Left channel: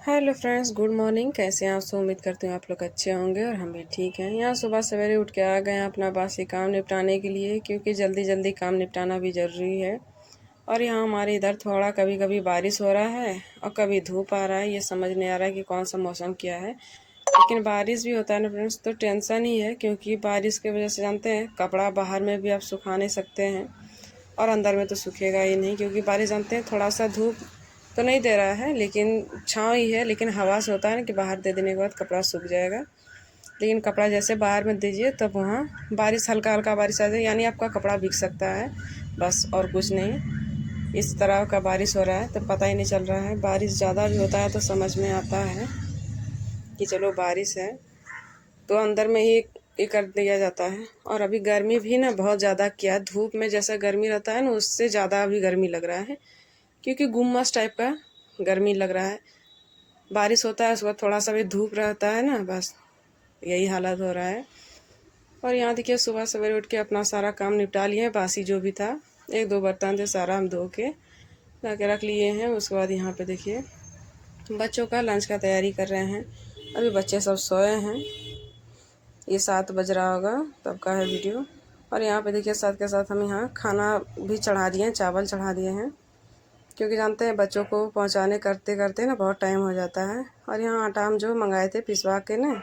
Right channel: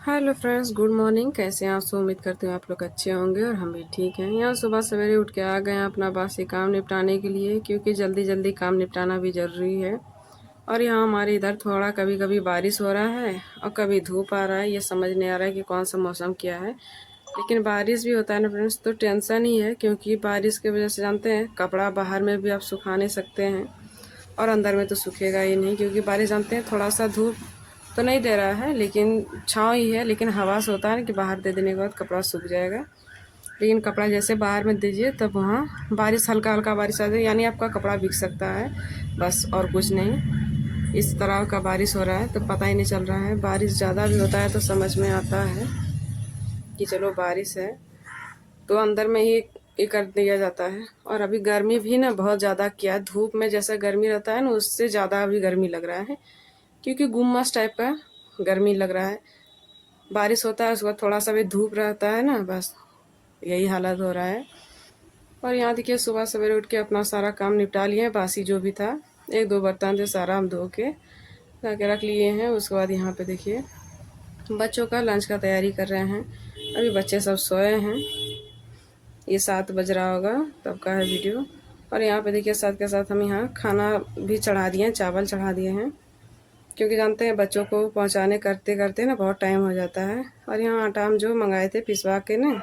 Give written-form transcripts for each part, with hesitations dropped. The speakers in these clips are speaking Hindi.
Hello friends, good morning. कैसे हैं आप सब? उम्मीद करते हो आप लोग अच्छे होंगे और हम भी ठीक हैं। यहाँ सुबह सवेरे उठ के आ गए हैं अपना बासी काम निपटाने के लिए, क्योंकि जल्दी जल्दी काम निपटाना भी ज़रूरी है। और यहाँ हमारे इधर थोड़ा कभी कभी बारिश हो रहा है और कभी धूप आ रहा है। ये समझ नहीं आ रहा है कि कौन सा मौसम क्या है। लेकिन बारिश भी होता है ना फ्रेंड्स, तो टेंशन ही है, क्योंकि बारिश की वजह से जानते हैं कपड़ा बाहर में भी आप सुखा नहीं सकते हैं और अंदर में तो सूखेगा ही नहीं, क्योंकि बारिश जानते हैं थोड़ा सा धूप तो नहीं दे रहा है, लेकिन छाँव ही है। लेकिन हवा से होता है ना कि बाहर दे देने के बाद कपड़ा सूख जाएगा। लेकिन कपड़ा जैसे बाहर में दीजिए तब वहाँ बारिश हल्का हल्का बारिश आ जाए, यानी आपका कपड़ा भीग सकता है, बस और कुछ नहीं। इस तरह का बारिश हो रहा है तो पता ही नहीं चल रहा है। बारिश ज़्यादा भी होता है तो समझ में आता है कि चलो बारिश है, तो अंदर में ही ये कर दिया जाता है। और अभी गर्मी भी ना बहुत ज़्यादा, क्या धूप में जैसा गर्मी रहता है ना, उससे ज़्यादा अभी गर्मी लग रहा है, क्योंकि गुम्मस टाइप का गर्मी लग रहा है। बारिश होता है उसके बाद थोड़ा सा भी धूप रहता है ना, बस यही हालत हो रहा है। और यहाँ देखिए सुबह सवेरे उठ के अपना सारा काम निपटा लिए हैं। बासी जो भी था, एक दो बर्तन थे, सारा हम धो के ला के रख लिए हैं। उसके बाद यहाँ पे देखिए बच्चों का लंच का तैयारी कर रहे हैं। अभी बच्चे सब सोए हैं, ये 7 बज रहा होगा तब का है वीडियो। और यहाँ पे देखिए साथ के साथ हम यहाँ खाना भी चढ़ा दिए हैं, चावल चढ़ा दिए हैं, क्योंकि जानते हैं बच्चों को पहुँचाने करते करते ना बहुत टाइम हो जाता है। और यहाँ आटा हम जो मंगाए थे पिसवा के ना,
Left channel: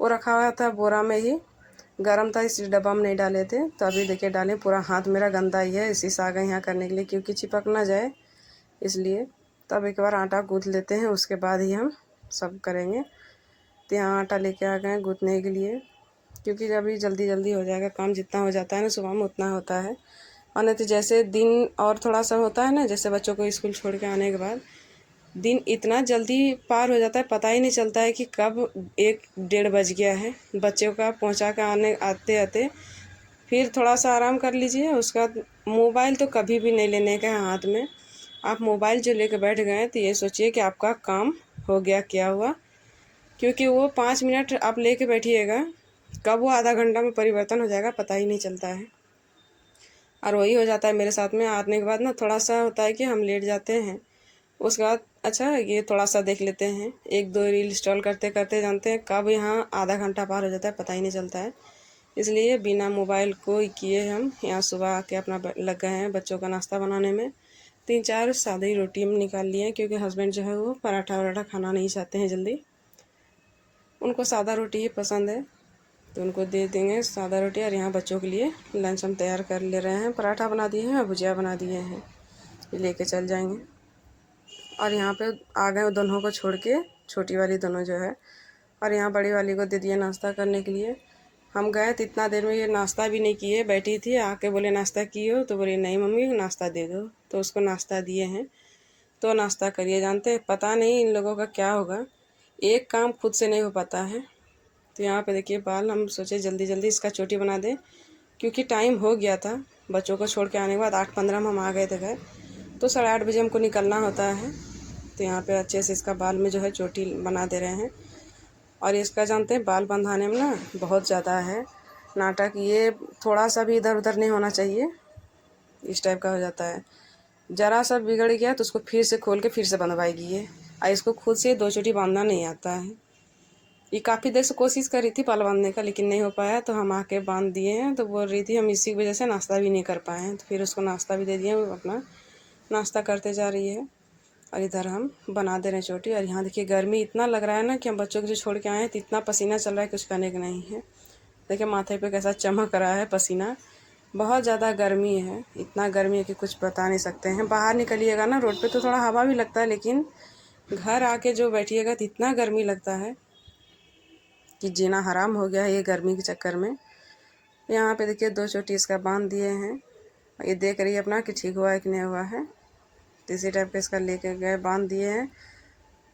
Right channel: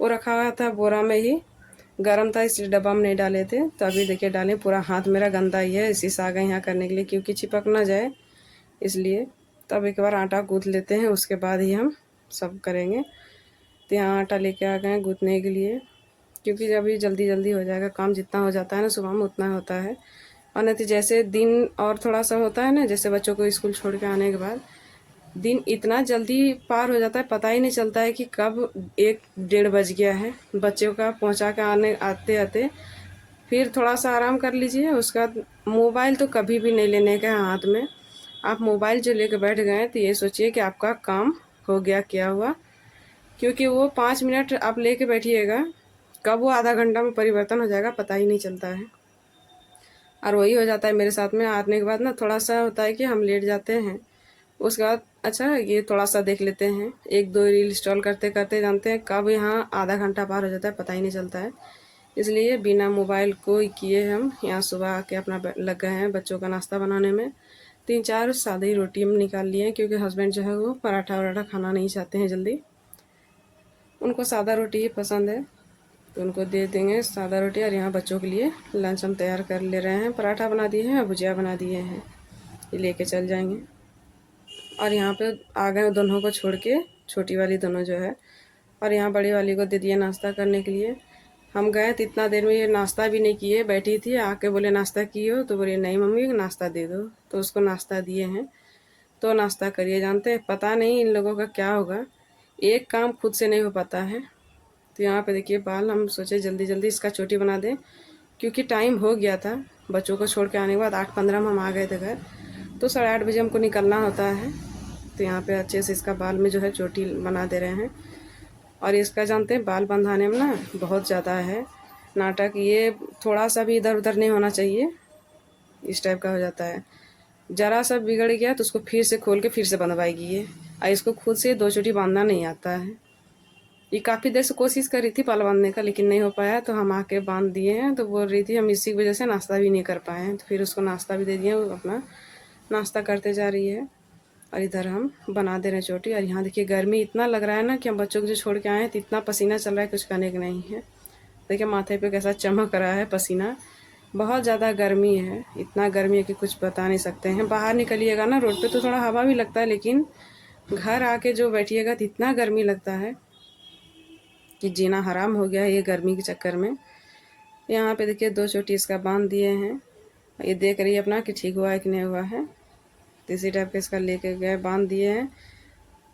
वो रखा हुआ था बोरा में ही, गर्म था इसलिए डब्बा में नहीं डाले थे। तो अभी देखिए डालें, पूरा हाथ मेरा गंदा ही है इसी से आ गए यहाँ करने के लिए, क्योंकि चिपक ना जाए इसलिए। तब एक बार आटा गूँथ लेते हैं, उसके बाद ही हम सब करेंगे। तो यहाँ आटा लेके आ गए गूँथने के लिए, क्योंकि जब भी जल्दी जल्दी हो जाएगा काम, जितना हो जाता है ना सुबह में उतना होता है। और नहीं तो जैसे दिन और थोड़ा सा होता है ना, जैसे बच्चों को स्कूल छोड़ के आने के बाद दिन इतना जल्दी पार हो जाता है, पता ही नहीं चलता है कि कब 1 डेढ़ बज गया है। बच्चों का पहुंचा के आने आते आते फिर थोड़ा सा आराम कर लीजिए। उसके बाद मोबाइल तो कभी भी नहीं लेने का है हाथ में। आप मोबाइल जो लेकर बैठ गए तो ये सोचिए कि आपका काम हो गया क्या हुआ, क्योंकि वो 5 मिनट आप लेके बैठिएगा, कब वो आधा घंटा में परिवर्तन हो जाएगा पता ही नहीं चलता है। और वही हो जाता है मेरे साथ में। आने के बाद ना थोड़ा सा होता है कि हम लेट जाते हैं, उसके बाद अच्छा ये थोड़ा सा देख लेते हैं, एक दो रील इंस्टॉल करते करते जानते हैं कब यहाँ आधा घंटा पार हो जाता है पता ही नहीं चलता है। इसलिए बिना मोबाइल को ही किए हम यहाँ सुबह आके अपना लग गए हैं बच्चों का नाश्ता बनाने में। 3 4 सादी रोटी हम निकाल लिए हैं, क्योंकि हस्बैंड जो है वो पराठा वराठा खाना नहीं चाहते हैं जल्दी, उनको सादा रोटी ही पसंद है, तो उनको दे देंगे सादा रोटी। और यहाँ बच्चों के लिए लंच हम तैयार कर ले रहे हैं। पराठा बना दिए हैं, भुजिया बना दिए हैं, ये लेके चल जाएंगे। और यहाँ पे आ गए दोनों को छोड़ के, छोटी वाली दोनों जो है, और यहाँ बड़ी वाली को दे दिया नाश्ता करने के लिए। हम गए तो इतना देर में ये नाश्ता भी नहीं किए, बैठी थी, आके बोले नाश्ता किए हो, तो बोले नहीं मम्मी नाश्ता दे दो, तो उसको नाश्ता दिए हैं। तो नाश्ता करिए। जानते हैं पता नहीं इन लोगों का क्या होगा, एक काम खुद से नहीं हो पाता है। तो यहाँ पे देखिए बाल हम सोचे जल्दी जल्दी इसका चोटी बना दें, क्योंकि टाइम हो गया था बच्चों को छोड़ के आने के बाद। 8:15 में हम आ गए थे घर, तो 8:30 बजे हमको निकलना होता है। तो यहाँ पे अच्छे से इसका बाल में जो है चोटी बना दे रहे हैं। और इसका जानते हैं बाल बंधाने में ना बहुत ज़्यादा है नाटक, ये थोड़ा सा भी इधर उधर नहीं होना चाहिए, इस टाइप का हो जाता है। ज़रा सा बिगड़ गया तो उसको फिर से खोल के फिर से बंधवाएगी ये, और इसको खुद से 2 चोटी बांधना नहीं आता है। ये काफ़ी देर से कोशिश कर रही थी बाल बांधने का, लेकिन नहीं हो पाया, तो हम आके बांध दिए हैं। तो बोल रही थी हम इसी वजह से नाश्ता भी नहीं कर पाए हैं, तो फिर उसको नाश्ता भी दे दिए, वो अपना नाश्ता करते जा रही है। और इधर हम बना दे रहे हैं चोटी। और यहाँ देखिए गर्मी इतना लग रहा है ना कि हम बच्चों को जो छोड़ के आए हैं तो इतना पसीना चल रहा है, कुछ करने का नहीं है। देखिए माथे पे कैसा चमक रहा है पसीना, बहुत ज़्यादा गर्मी है। इतना गर्मी है कि कुछ बता नहीं सकते हैं। बाहर निकलिएगा ना रोड पे तो थोड़ा हवा भी लगता है, लेकिन घर आके जो बैठिएगा तो इतना गर्मी लगता है कि जीना हराम हो गया है ये गर्मी के चक्कर में। यहाँ पे देखिए 2 चोटी इसका बांध दिए हैं, ये देख रही है अपना कि ठीक हुआ है कि नहीं हुआ है। तो इसी टाइप के इसका लेके गए बांध दिए हैं।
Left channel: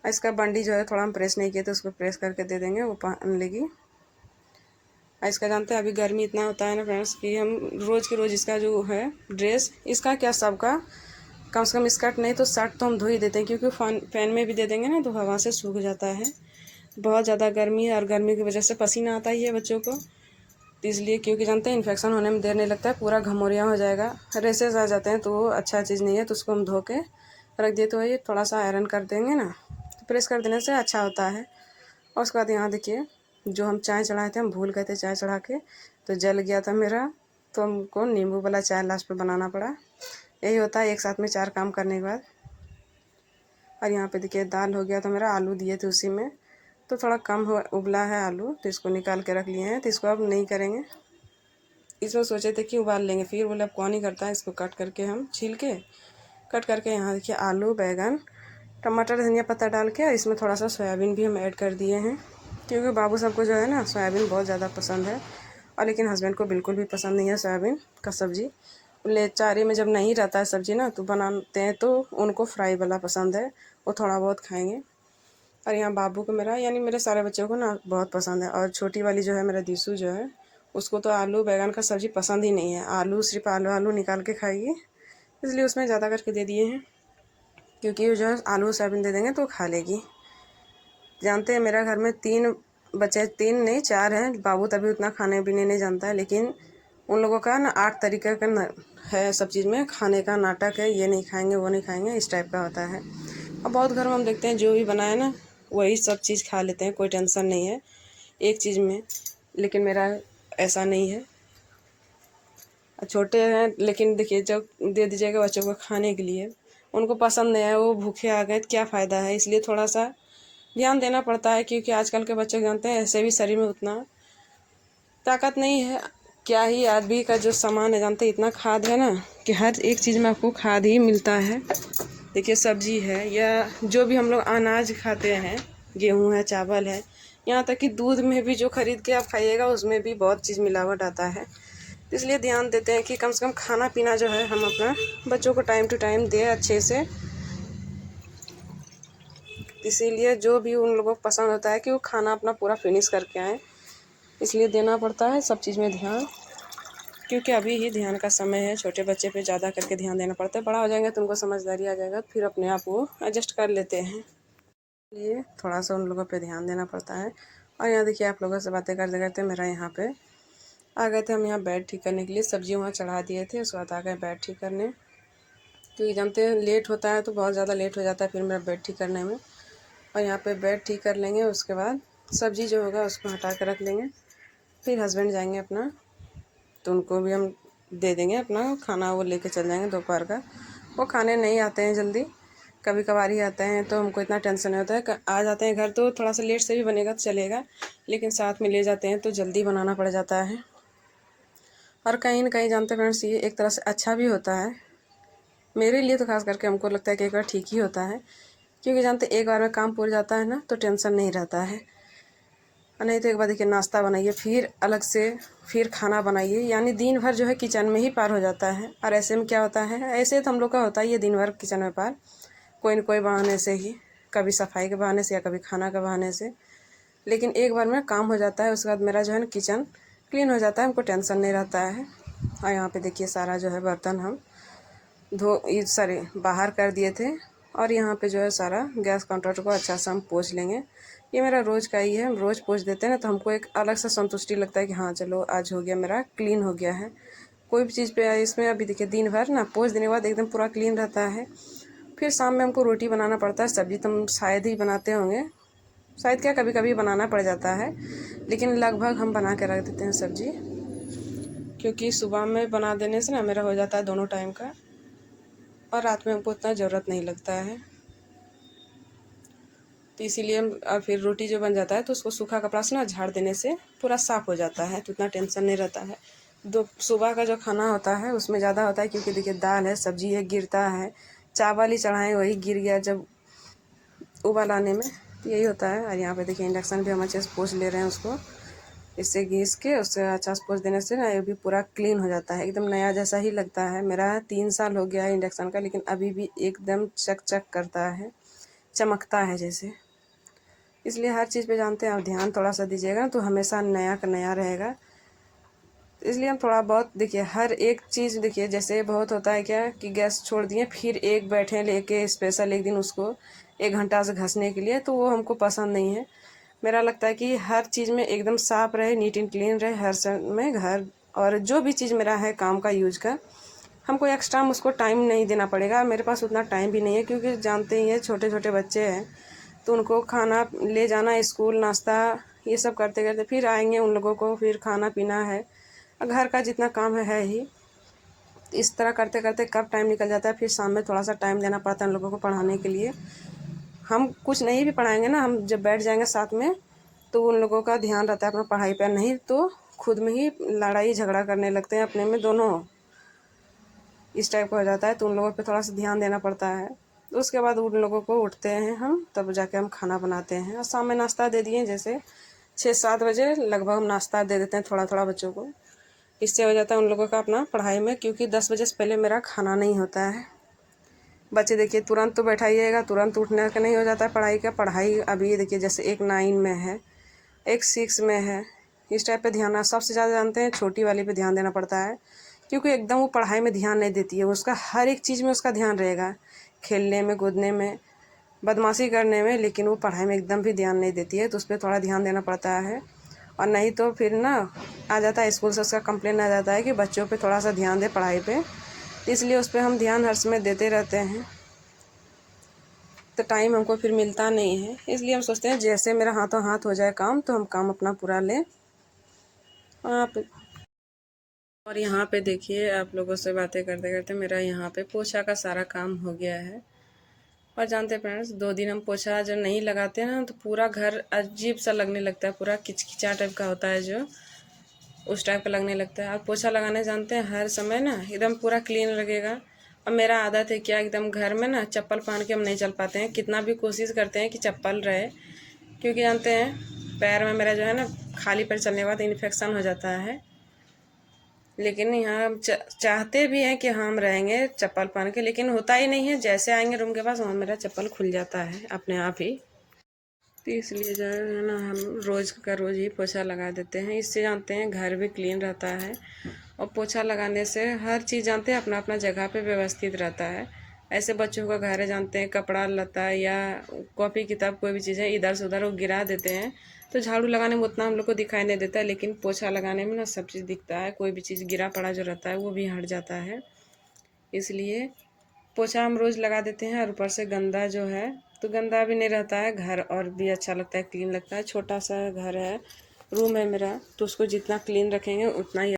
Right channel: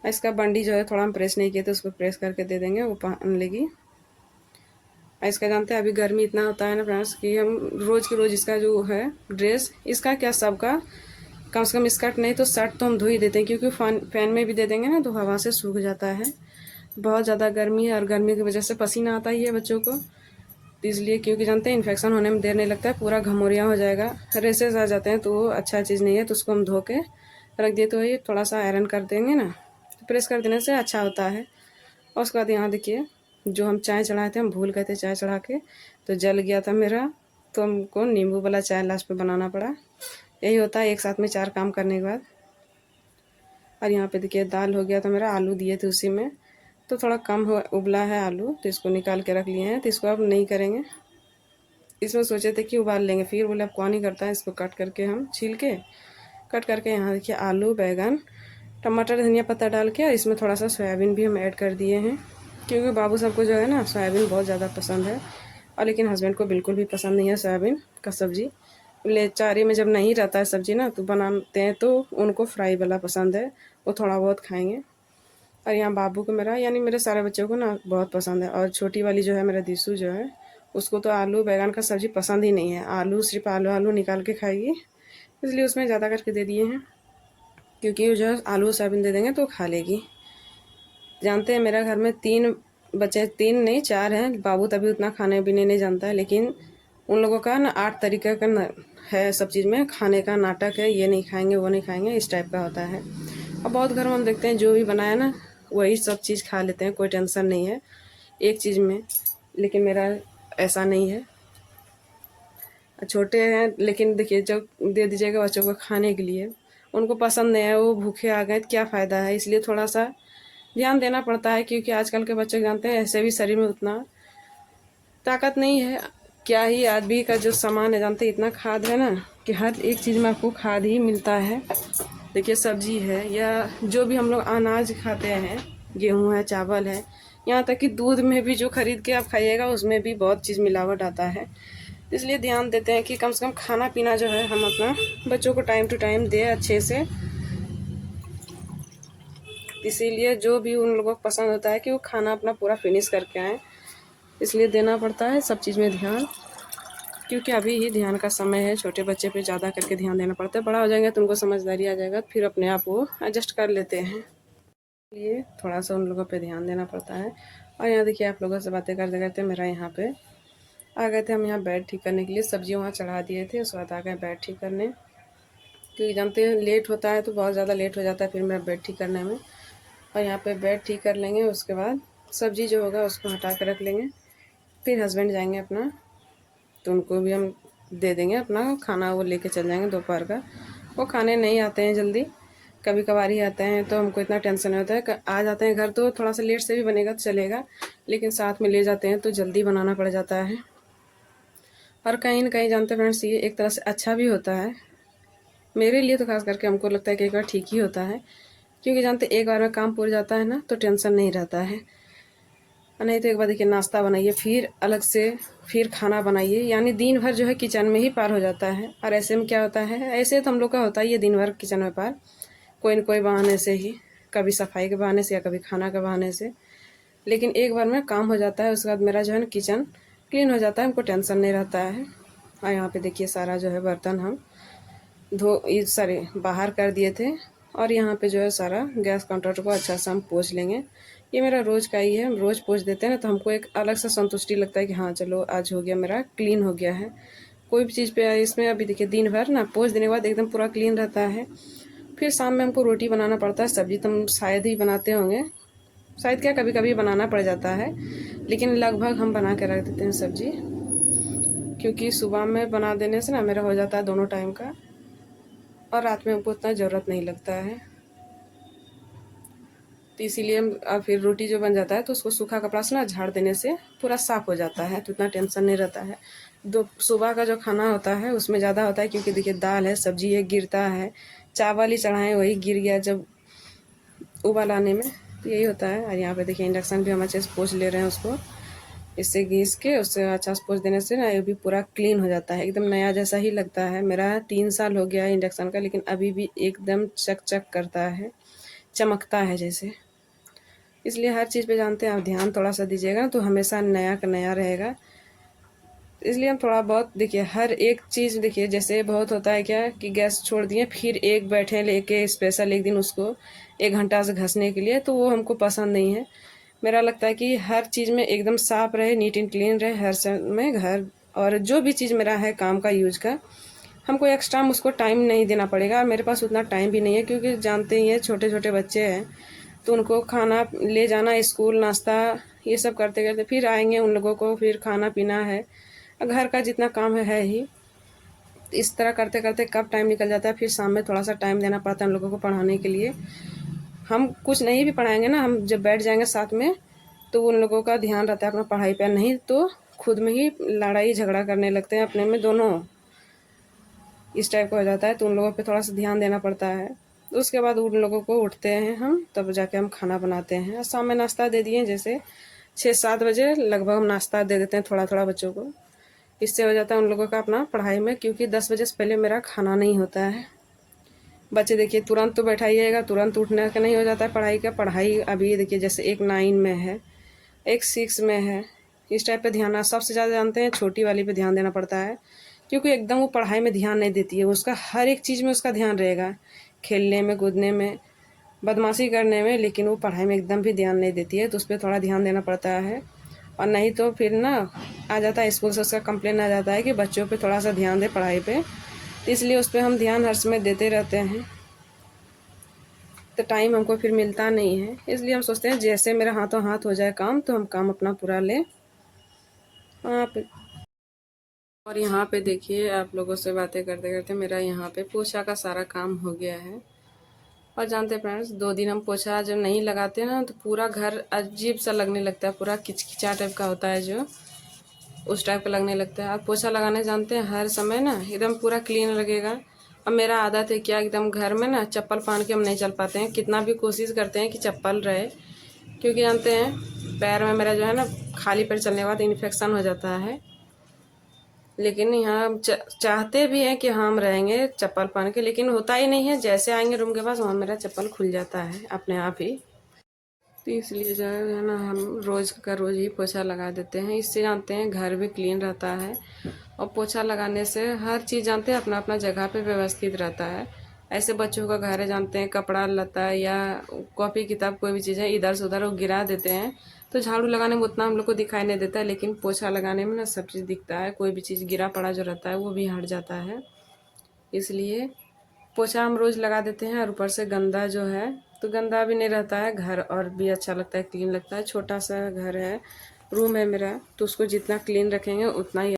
इसका बंडी जो है थोड़ा हम प्रेस नहीं किए तो उसको प्रेस करके दे देंगे, वो पहन लेगी। इसका जानते हैं अभी गर्मी इतना होता है ना फ्रेंड्स कि हम रोज़ के रोज़ इसका जो है ड्रेस, इसका क्या सबका कम से कम स्कर्ट नहीं तो शर्ट तो हम धो ही देते हैं, क्योंकि फैन में भी दे देंगे ना तो हवा से सूख जाता है। बहुत ज़्यादा गर्मी है और गर्मी की वजह से पसीना आता ही है बच्चों को, तो इसलिए क्योंकि जानते हैं इन्फेक्शन होने में देर नहीं लगता है, पूरा घमौरिया हो जाएगा, रेसेस आ जाते हैं, तो वो अच्छा चीज़ नहीं है। तो उसको हम धो के रख दिए, तो ये थोड़ा सा आयरन कर देंगे ना तो प्रेस कर देने से अच्छा होता है। और उसके बाद यहाँ देखिए जो हम चाय चढ़ाए थे, हम भूल गए थे चाय चढ़ा के, तो जल गया था मेरा, तो हमको नींबू वाला चाय लास्ट में बनाना पड़ा। यही होता है एक साथ में 4 काम करने के बाद। और यहाँ पे देखिए दाल हो गया था मेरा, आलू दिए थे उसी में, तो थोड़ा कम हो उबला है आलू, तो इसको निकाल के रख लिए हैं। तो इसको अब नहीं करेंगे, इसमें सोचे थे कि उबाल लेंगे, फिर बोले अब कौन ही करता है। इसको कट करके हम छील के कट करके यहाँ देखिए आलू, बैंगन, टमाटर, धनिया पत्ता डाल के, और इसमें थोड़ा सा सोयाबीन भी हम ऐड कर दिए हैं, क्योंकि बाबू सबको जो है ना सोयाबीन बहुत ज़्यादा पसंद है। और लेकिन हस्बैंड को बिल्कुल भी पसंद नहीं है सोयाबीन का सब्ज़ी। ले चारे में जब नहीं रहता है सब्ज़ी ना, तो बनाते हैं तो उनको फ्राई वाला पसंद है, वो थोड़ा बहुत खाएंगे। और यहाँ बाबू को मेरा यानी मेरे सारे बच्चों को ना बहुत पसंद है। और छोटी वाली जो है मेरा दिशु जो है, उसको तो आलू बैंगन का सब्ज़ी पसंद ही नहीं है, आलू सिर्फ आलू आलू निकाल के खाएगी, इसलिए उसमें ज़्यादा करके दे दिए हैं, क्योंकि जो है आलू सोयाबीन दे देंगे तो खा लेगी। जानते हैं मेरा घर में 3 बच्चे, 3 नहीं 4 हैं। बाबू तभी उतना खाने पीने नहीं जानता है, लेकिन उन लोगों का ना 8 तरीके का ना है सब चीज़ में खाने का नाटक है, ये नहीं खाएंगे वो नहीं खाएंगे, इस टाइप का होता है। और बहुत घर में हम देखते हैं जो भी बनाया ना वही सब चीज़ खा लेते हैं, कोई टेंशन नहीं है एक चीज़ में। लेकिन मेरा ऐसा नहीं है, छोटे हैं लेकिन देखिए जो दे दीजिएगा बच्चों को खाने के लिए, उनको पसंद नहीं है, वो भूखे आ गए तो क्या फ़ायदा है। इसलिए थोड़ा सा ध्यान देना पड़ता है, क्योंकि आजकल के बच्चे जानते हैं ऐसे भी शरीर में उतना ताकत नहीं है। क्या ही आदमी का जो सामान है जानते हैं, इतना खाद है ना कि हर एक चीज़ में आपको खाद ही मिलता है। देखिए सब्जी है या जो भी हम लोग अनाज खाते हैं, गेहूँ है, चावल है, यहाँ तक कि दूध में भी जो खरीद के आप खाइएगा उसमें भी बहुत चीज़ मिलावट आता है। इसलिए ध्यान देते हैं कि कम से कम खाना पीना जो है हम अपना बच्चों को टाइम टू टाइम दें अच्छे से। इसीलिए जो भी उन लोगों को पसंद होता है कि वो खाना अपना पूरा फिनिश करके आए, इसलिए देना पड़ता है सब चीज़ में ध्यान, क्योंकि अभी ही ध्यान का समय है। छोटे बच्चे पे ज़्यादा करके ध्यान देना पड़ता है, बड़ा हो जाएंगे तो उनको समझदारी आ जाएगा, फिर अपने आप वो एडजस्ट कर लेते हैं, इसलिए थोड़ा सा उन लोगों पे ध्यान देना पड़ता है। और यहाँ देखिए आप लोगों से बातें करते करते मेरा यहाँ पे आ गए थे हम यहाँ बेड ठीक करने के लिए, सब्जी वहाँ चढ़ा दिए थे, उसके बाद आ गए बेड ठीक करने, क्योंकि जानते हैं लेट होता है तो बहुत ज़्यादा लेट हो जाता है फिर मेरा बेड ठीक करने में। और यहाँ पे बेड ठीक कर लेंगे, उसके बाद सब्ज़ी जो होगा उसको हटा कर रख लेंगे, फिर हस्बैंड जाएंगे अपना, तो उनको भी हम दे देंगे अपना खाना, वो लेके चल जाएंगे दोपहर का। वो खाने नहीं आते हैं जल्दी, कभी कभार ही आते हैं, तो हमको इतना टेंशन नहीं होता है। आ जाते हैं घर तो थोड़ा सा लेट से भी बनेगा तो चलेगा, लेकिन साथ में ले जाते हैं तो जल्दी बनाना पड़ जाता है। और कहीं ना कहीं जानते फ्रेंड्स ये एक तरह से अच्छा भी होता है, मेरे लिए तो खास करके हमको लगता है कि एक बार ठीक ही होता है, क्योंकि जानते एक बार में काम पूरा जाता है ना तो टेंशन नहीं रहता है। और नहीं तो एक बार देखिए नाश्ता बनाइए, फिर अलग से फिर खाना बनाइए, यानी दिन भर जो है किचन में ही पार हो जाता है। और ऐसे में क्या होता है, ऐसे तो हम लोग का होता ही है दिन भर किचन में पार, कोई न कोई बहाने से ही, कभी सफाई के बहाने से या कभी खाना के बहाने से। लेकिन एक बार में काम हो जाता है, उसके बाद मेरा जो है ना किचन क्लीन हो जाता है, हमको टेंशन नहीं रहता है। और यहाँ पे देखिए सारा जो है बर्तन हम ये सारे बाहर कर दिए थे, और यहाँ पे जो है सारा गैस काउंटर को अच्छा से हम पोंछ लेंगे। ये मेरा रोज़ का ही है, हम रोज़ पोंछ देते हैं ना, तो हमको एक अलग से संतुष्टि लगता है कि हाँ चलो आज हो गया, मेरा क्लीन हो गया है। कोई भी चीज़ पे इसमें अभी देखिए दिन भर ना पोंछ देने के बाद एकदम पूरा क्लीन रहता है। फिर शाम में हमको रोटी बनाना पड़ता है, सब्ज़ी तो हम शायद ही बनाते होंगे, शायद क्या कभी कभी बनाना पड़ जाता है, लेकिन लगभग हम बना के रख देते हैं सब्ज़ी, क्योंकि सुबह में बना देने से ना मेरा हो जाता है दोनों टाइम का, और रात में हमको उतना ज़रूरत नहीं लगता है। तो इसीलिए हम फिर रोटी जो बन जाता है तो उसको सूखा कपड़ा से ना झाड़ देने से पूरा साफ़ हो जाता है, तो इतना टेंशन नहीं रहता है। दो सुबह का जो खाना होता है उसमें ज़्यादा होता है, क्योंकि देखिए दाल है, सब्जी है, गिरता है, चावल ही चढ़ाएँ वही गिर गया जब उबाल आने में, तो यही होता है। और यहाँ पे देखिए इंडक्शन भी हम अच्छे से पोंछ ले रहे हैं उसको, इससे घिस के उससे अच्छा से पोंछ देने से ना ये भी पूरा क्लीन हो जाता है, एकदम नया जैसा ही लगता है। मेरा 3 साल हो गया है इंडक्शन का, लेकिन अभी भी एकदम चक चक करता है, चमकता है जैसे। इसलिए हर चीज़ पे जानते हैं आप ध्यान थोड़ा सा दीजिएगा तो हमेशा नया का नया रहेगा। इसलिए हम थोड़ा बहुत देखिए हर एक चीज़ देखिए, जैसे बहुत होता है क्या कि गैस छोड़ दिए फिर एक बैठे लेके स्पेशल एक दिन उसको 1 घंटा से घसने के लिए, तो वो हमको पसंद नहीं है। मेरा लगता है कि हर चीज़ में एकदम साफ़ रहे, नीट एंड क्लीन रहे हर समय घर, और जो भी चीज़ मेरा है काम का यूज का, हमको एक्स्ट्रा उसको टाइम नहीं देना पड़ेगा। मेरे पास उतना टाइम भी नहीं है, क्योंकि जानते ही हैं छोटे छोटे बच्चे हैं, तो उनको खाना ले जाना, स्कूल, नाश्ता, ये सब करते करते फिर आएंगे। उन लोगों को फिर खाना पीना है, घर का जितना काम है ही। इस तरह करते करते कब टाइम निकल जाता है। फिर शाम में थोड़ा सा टाइम देना पड़ता है उन लोगों को पढ़ाने के लिए। हम कुछ नहीं भी पढ़ाएंगे ना, हम जब बैठ जाएंगे साथ में तो उन लोगों का ध्यान रहता है अपना पढ़ाई पर, नहीं तो खुद में ही लड़ाई झगड़ा करने लगते हैं अपने में दोनों, इस टाइप का हो जाता है। तो उन लोगों पे थोड़ा सा ध्यान देना पड़ता है। उसके बाद उन लोगों को उठते हैं हम, तब जाके हम खाना बनाते हैं। और शाम में नाश्ता दे दिए, जैसे 6-7 बजे लगभग हम नाश्ता दे देते हैं थोड़ा थोड़ा बच्चों को। इससे हो जाता है उन लोगों का अपना पढ़ाई में, क्योंकि 10 बजे से पहले मेरा खाना नहीं होता है। बच्चे देखिए तुरंत तो बैठाइएगा, तुरंत उठने का नहीं हो जाता है पढ़ाई का। पढ़ाई अभी देखिए जैसे एक 9 में है, एक 6 में है, इस टाइप पे ध्यान, सबसे ज़्यादा जानते हैं छोटी वाली पे ध्यान देना पड़ता है, क्योंकि एकदम वो पढ़ाई में ध्यान नहीं देती है। उसका हर एक चीज़ में उसका ध्यान रहेगा, खेलने में, कूदने में, बदमाशी करने में, लेकिन वो पढ़ाई में एकदम भी ध्यान नहीं देती है। तो उस पर थोड़ा ध्यान देना पड़ता है। और नहीं तो फिर ना आ जाता है स्कूल से, उसका कंप्लेन आ जाता है कि बच्चों पे थोड़ा सा ध्यान दे पढ़ाई पे। तो इसलिए उस पर हम ध्यान हर समय देते रहते हैं। तो टाइम हमको फिर मिलता नहीं है, इसलिए हम सोचते हैं जैसे मेरा हाथों हाथ हो जाए काम, तो हम काम अपना पूरा लें। और यहाँ पे देखिए, आप लोगों से बातें करते करते मेरा यहाँ पे पोछा का सारा काम हो गया है। और जानते हैं फ्रेंड्स, 2 दिन हम पोछा जो नहीं लगाते ना, तो पूरा घर अजीब सा लगने लगता है, पूरा किचकिचा टाइप का होता है, जो उस टाइप का लगने लगता है। आप पोछा लगाने जानते हैं, हर समय ना एकदम पूरा क्लीन लगेगा। अब मेरा आदत है क्या, एकदम घर में ना चप्पल पहन के हम नहीं चल पाते हैं, कितना भी कोशिश करते हैं कि चप्पल रहे, क्योंकि जानते हैं पैर में मेरा जो है ना, खाली पैर चलने के बाद इन्फेक्शन हो जाता है। लेकिन यहाँ हम चाहते भी हैं कि हम रहेंगे चप्पल पहन के, लेकिन होता ही नहीं है। जैसे आएंगे रूम के पास, वहाँ मेरा चप्पल खुल जाता है अपने आप ही। तो इसलिए जो है ना, हम रोज़ का रोज़ ही पोछा लगा देते हैं। इससे जानते हैं घर भी क्लीन रहता है, और पोछा लगाने से हर चीज़ जानते हैं अपना अपना जगह पे व्यवस्थित रहता है। ऐसे बच्चों का घर है, जानते हैं कपड़ा लता या कॉपी किताब कोई भी चीज़ है, इधर से उधर वो गिरा देते हैं, तो झाड़ू लगाने में उतना हम लोग को दिखाई नहीं देता है, लेकिन पोछा लगाने में ना सब चीज़ दिखता है। कोई भी चीज़ गिरा पड़ा जो रहता है वो भी हट जाता है। इसलिए पोछा हम रोज़ लगा देते हैं। और ऊपर से गंदा जो है, तो गंदा भी नहीं रहता है घर, और भी अच्छा लगता है, क्लीन लगता है। छोटा सा घर है, रूम है मेरा, तो उसको जितना क्लीन रखेंगे उतना ही।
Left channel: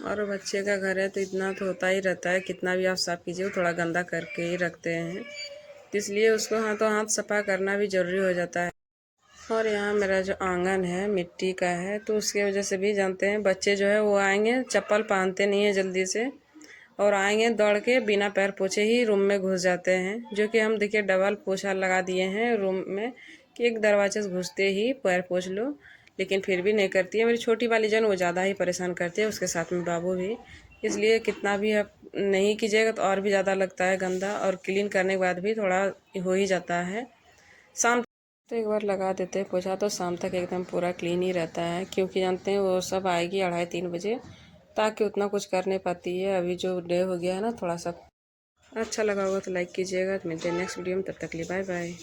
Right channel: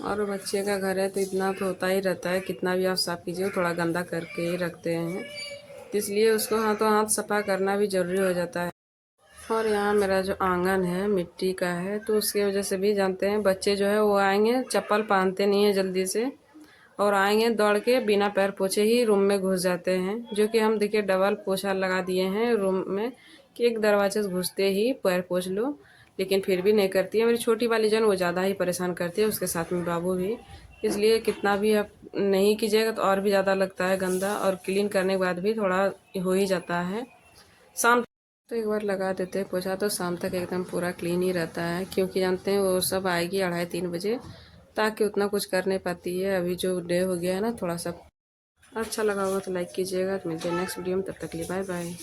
और बच्चे का घर है तो इतना तो होता ही रहता है, कितना भी आप साफ़ कीजिए वो थोड़ा गंदा करके ही रखते हैं, इसलिए उसको हाथों हाथ सफा करना भी ज़रूरी हो जाता है। और यहाँ मेरा जो आंगन है मिट्टी का है, तो उसकी वजह से भी जानते हैं बच्चे जो है वो आएंगे, चप्पल पहनते नहीं हैं जल्दी से, और आएंगे दौड़ के बिना पैर पोछे ही रूम में घुस जाते हैं। जो कि हम देखिए डबल पोछा लगा दिए हैं रूम में, कि एक दरवाजे से घुसते ही पैर पोछ लो, लेकिन फिर भी नहीं करती है। मेरी छोटी वाली जन वो ज़्यादा ही परेशान करती है, उसके साथ में बाबू भी। इसलिए कितना भी आप नहीं कीजिएगा तो और भी ज़्यादा लगता है गंदा, और क्लीन करने के बाद भी थोड़ा हो ही जाता है। शाम तो एक बार लगा देते हैं पोछा, तो शाम तक एकदम पूरा क्लीन ही रहता है, क्योंकि जानते हैं वो सब आएगी 2:30-3 बजे, ताकि उतना कुछ कर नहीं पाती है। अभी जो डे हो गया है ना, थोड़ा सा अच्छा लगा होगा तो लाइक कीजिएगा। तो मिलते हैं नेक्स्ट वीडियो में, तब तक के लिए बाय बाय।